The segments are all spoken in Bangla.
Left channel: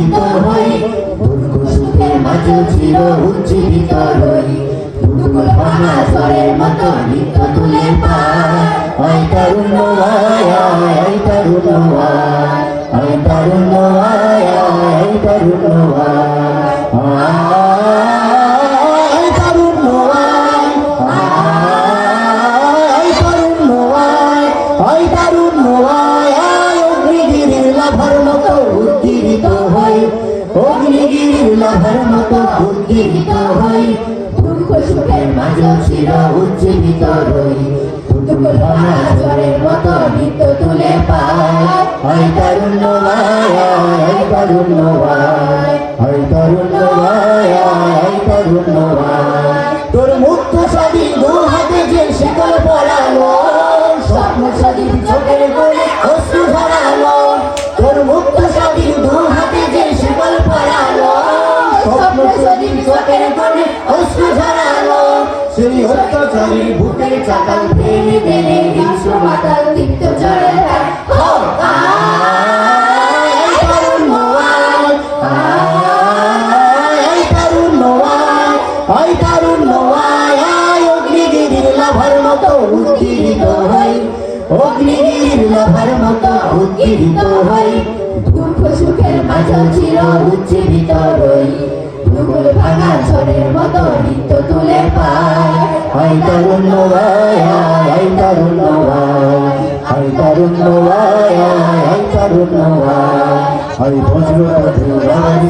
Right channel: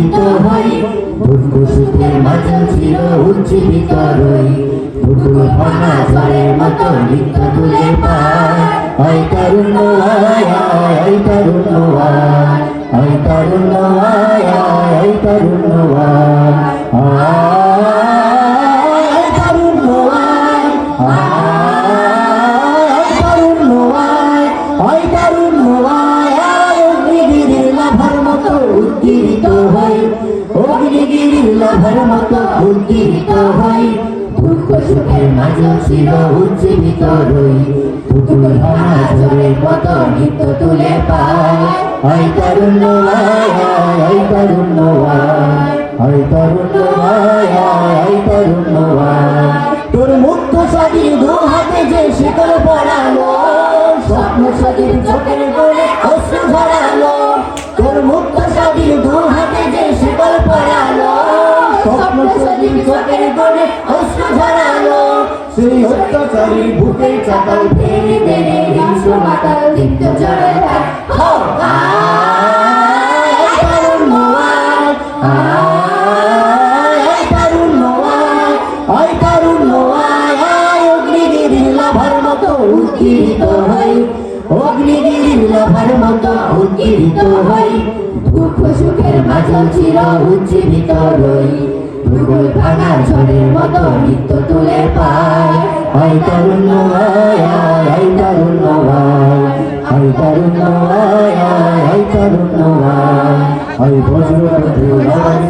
উজ্জীবিত হই দুঃখ সুখের মাঝে চির উজ্জীবিত রই ফুটবল ভাঙা ঝড়ের মতো নিত্য তুলে পায় আয় তারুণ্য আয় আয় তারুণ্য আয় তারুণ্য আয় তারুণ্য উজ্জীবিত হই দুঃখ সুখের মাঝে চির উজ্জীবিত রই ফুটবল ভাঙা ঝড়ের মতো নিত্য তুলে পায় আয় তারুণ্য আয় তারুণ্য আয় তারুণ্য আয় তারুণ্য তোর মুক্ত স্বাধীন দু হাতে যে শিকল পড়ালো স্বপ্ন স্বাধীন চোখের কোণে অশ্রু ধরালো তোর মুক্ত স্বাধীন দু হাতে যে শিকল পড়ালো স্বপ্ন স্বাধীন চোখের কোণে অশ্রু ধরালো সেই অত্যাচারী বুকে চাতাল ভেঙে দিলে হিংস্র মাতাল দীপ্ত জ্বরে উজ্জীবিত হই অগ্নিগিরির লাভার মতো উজ্জীবিত হই দুঃখ সুখের মাঝে চির উজ্জীবিত রই ভূগোল ভাঙা ঝড়ের মতো নিত্য তুলে পায় আয় তারুণ্য আয় তারুণ্য আয় তারুণ্য আয় তারুণ্য আয় বজ্রপথ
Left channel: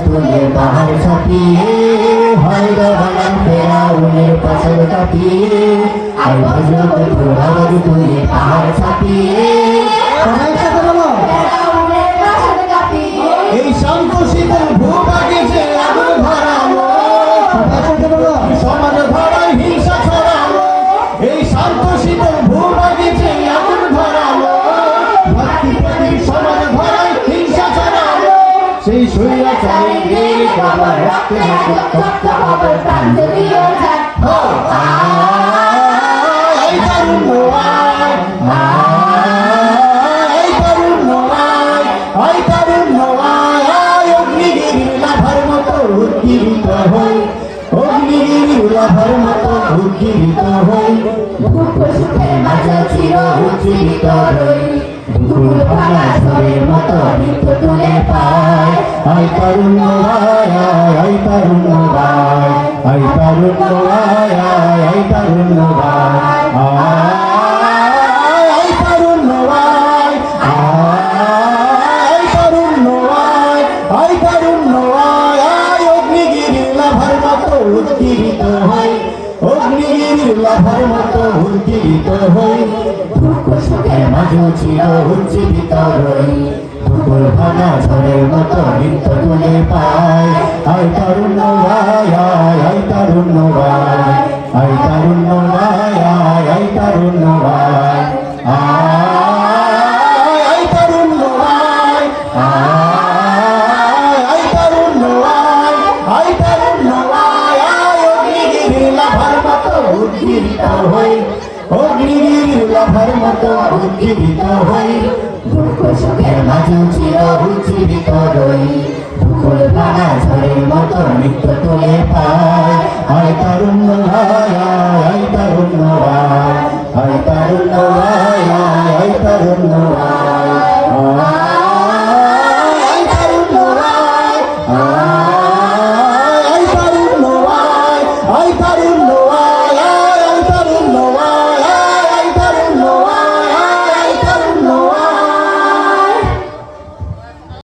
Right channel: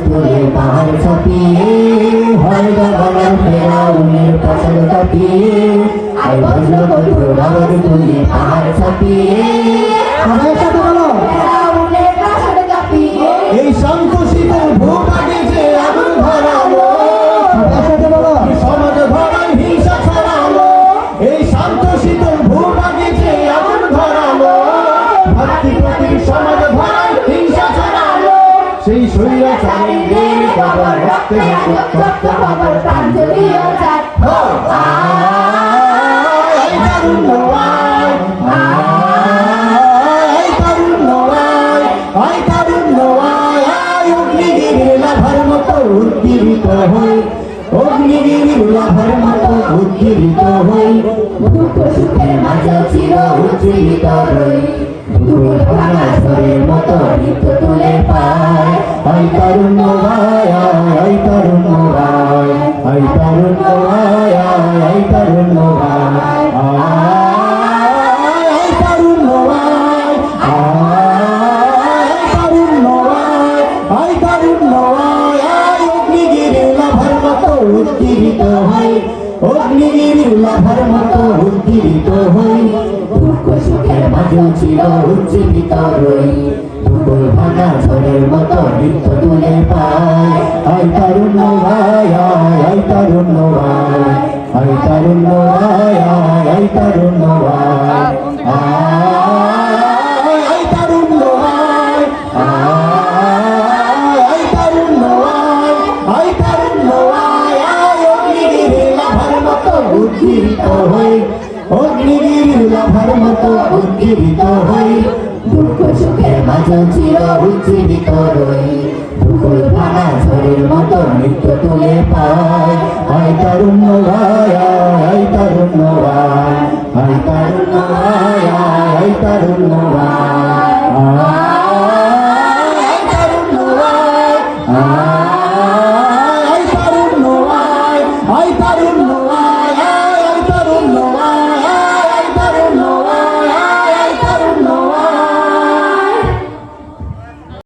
তুলে পাহাড় ছাপিয়ে হয় বাবার ফেরাউনের পাশার কাটিয়ে আয় বজ্রপথ তুলে পাহাড় ছাপিয়ে এই শান্ত শীতল ভূভাগে যে আগুন ধরালো সমাজ ধরায় হিংসা ছড়ালো এই শান্ত শীতল ভূভাগে যে আগুন ধরালো ভাতৃপ্রতিম সমাজ ধরায় হিংসা ছড়ালো সেই স্বৈরাচারীদের বাবা রক্তে রক্ত বাবার প্রাণ জড়িয়ে যায় উজ্জীবিত হই অগ্নিগিরির লাভার মতো উজ্জীবিত হই দুঃখ সুখের মাঝে চির উজ্জীবিত রই ভূগোল ভাঙা ঝড়ের মতো নিত্য তুলে পায় আয় তারুণ্য আয় তারুণ্য আয় তারুণ্য আয় তারুণ্য উজ্জীবিত হই অগ্নিগিরির লাভার মতো উজ্জীবিত হই দুঃখ সুখের মাঝে চির উজ্জীবিত রই ভূগোল ভাঙা ঝড়ের মতো নিত্য তুলে পায় আয় তারুণ্য আয় তারুণ্য আয় তারুণ্য আয় তারুণ্য উজ্জীবিত হই অগ্নিগিরির লাভার মতো উজ্জীবিত হই দুঃখ সুখের মাঝে চির উজ্জীবিত রই ভূগোল ভাঙা ঝড়ের মতো নিত্য তুলে পায় আয় তারুণ্য আয় তারুণ্য আয় তারুণ্য আয় তারুণ্য